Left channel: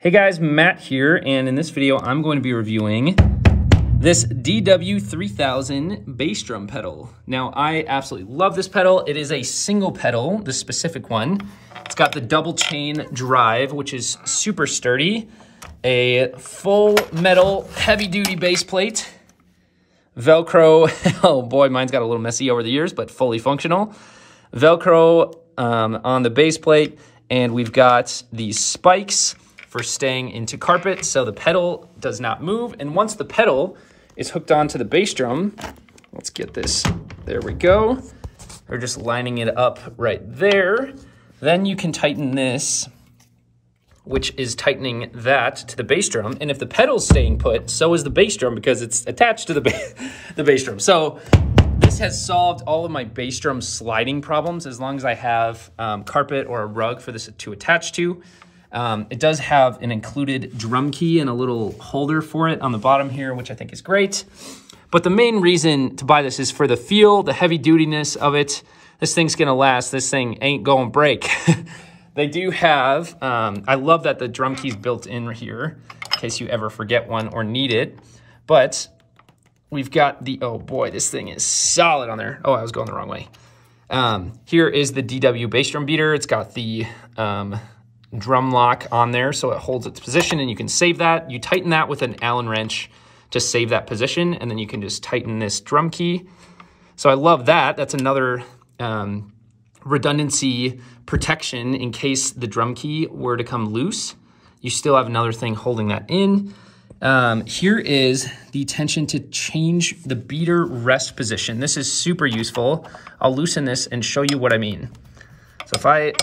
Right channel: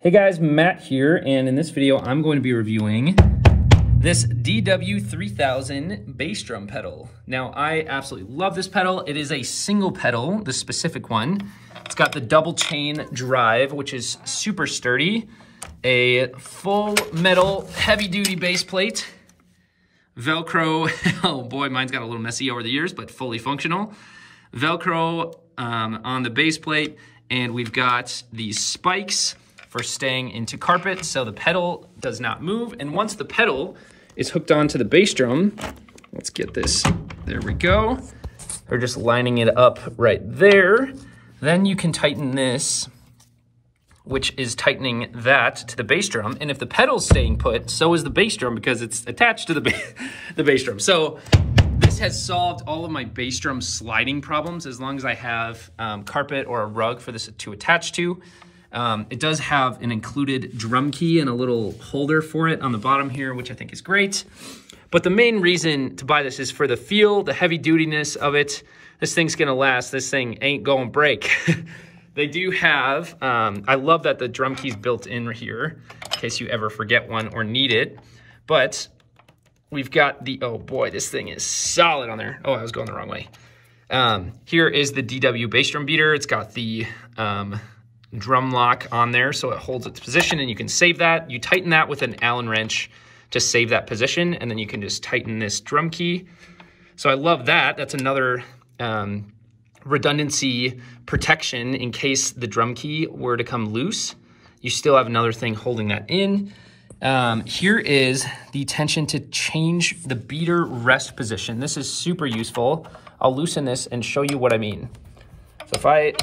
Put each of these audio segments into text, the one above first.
Hey guys, Matt here, and in this video, I'm going to be reviewing this DW3000 bass drum pedal. Now, I absolutely love this pedal. It is a single pedal, this specific one. It's got the double chain drive, which is super sturdy, a full metal heavy-duty bass plate, Velcro, oh boy, mine's got a little messy over the years, but fully functional. Velcro on the bass plate, and we've got these spikes for staying into carpet, so the pedal does not move. And once the pedal is hooked onto the bass drum, let's get this, there we go. We're just lining it up right there. Then you can tighten this, which is tightening that to the bass drum. And if the pedal's staying put, so is the bass drum because it's attached to the bass drum. So this has solved all of my bass drum sliding problems as long as I have carpet or a rug for this to attach to. It does have an included drum key and a little holder for it on the bottom here, which I think is great. But the main reason to buy this is for the feel, the heavy dutiness of it. This thing's gonna last. This thing ain't gonna break. They do have, I love that the drum key's built in here in case you ever forget one or need it. But we've got the, oh boy, this thing is solid on there. Oh, I was going the wrong way. Here is the DW bass drum beater. It's got the drum lock on there so it holds its position and you can save that. You tighten that with an Allen wrench to save that position, and then you can just tighten this drum key. So I love that. That's another redundancy protection in case the drum key were to come loose. You still have another thing holding that in. Here is the tension to change the beater rest position. This is super useful. I'll loosen this and show you what I mean. So if I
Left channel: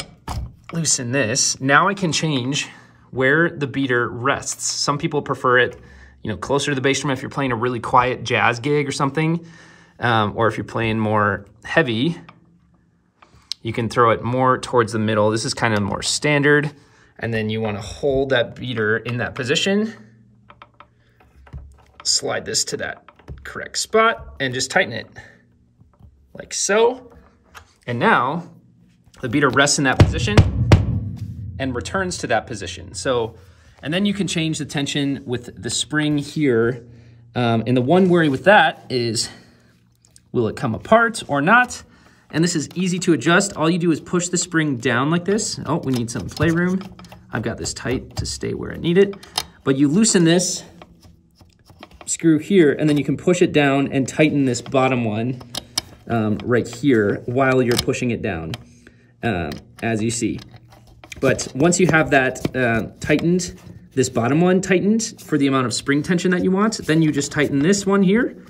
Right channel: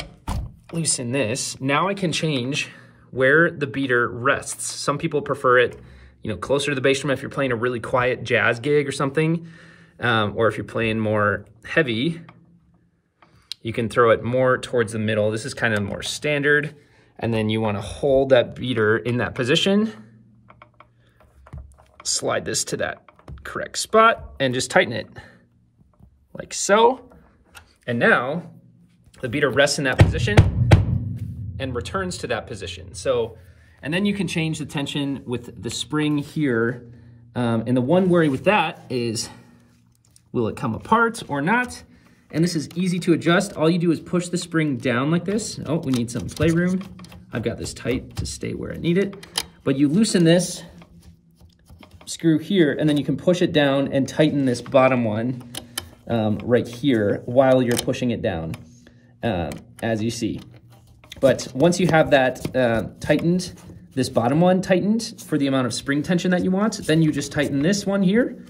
loosen this, now I can change where the beater rests. Some people prefer it, you know, closer to the bass drum if you're playing a really quiet jazz gig or something, or if you're playing more heavy, you can throw it more towards the middle. This is kind of more standard, and then you want to hold that beater in that position, slide this to that correct spot, and just tighten it like so. And now the beater rests in that position and returns to that position. So, and then you can change the tension with the spring here. And the one worry with that is, will it come apart or not? And this is easy to adjust. All you do is push the spring down like this. Oh, we need some playroom. I've got this tight to stay where I need it. But you loosen this screw here, and then you can push it down and tighten this bottom one right here while you're pushing it down. As you see. But once you have that tightened, this bottom one tightened for the amount of spring tension that you want, then you just tighten this one here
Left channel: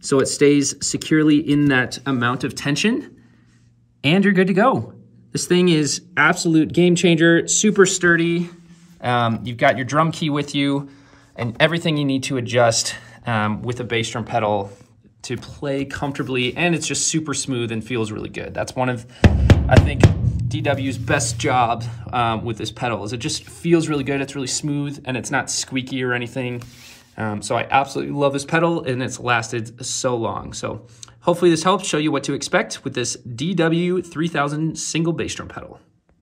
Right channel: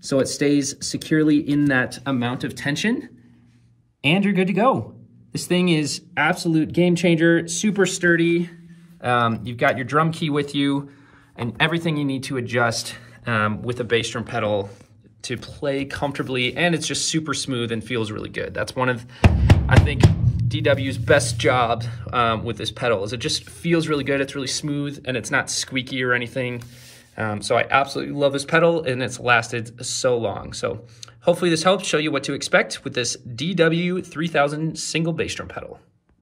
so it stays securely in that amount of tension, and you're good to go. This thing is absolute game changer, super sturdy. You've got your drum key with you and everything you need to adjust with a bass drum pedal to play comfortably, and it's just super smooth and feels really good. That's one of, I think, DW's best job with this pedal is it just feels really good. It's really smooth and it's not squeaky or anything. So I absolutely love this pedal, and it's lasted so long. So hopefully this helps show you what to expect with this DW3000 single bass drum pedal.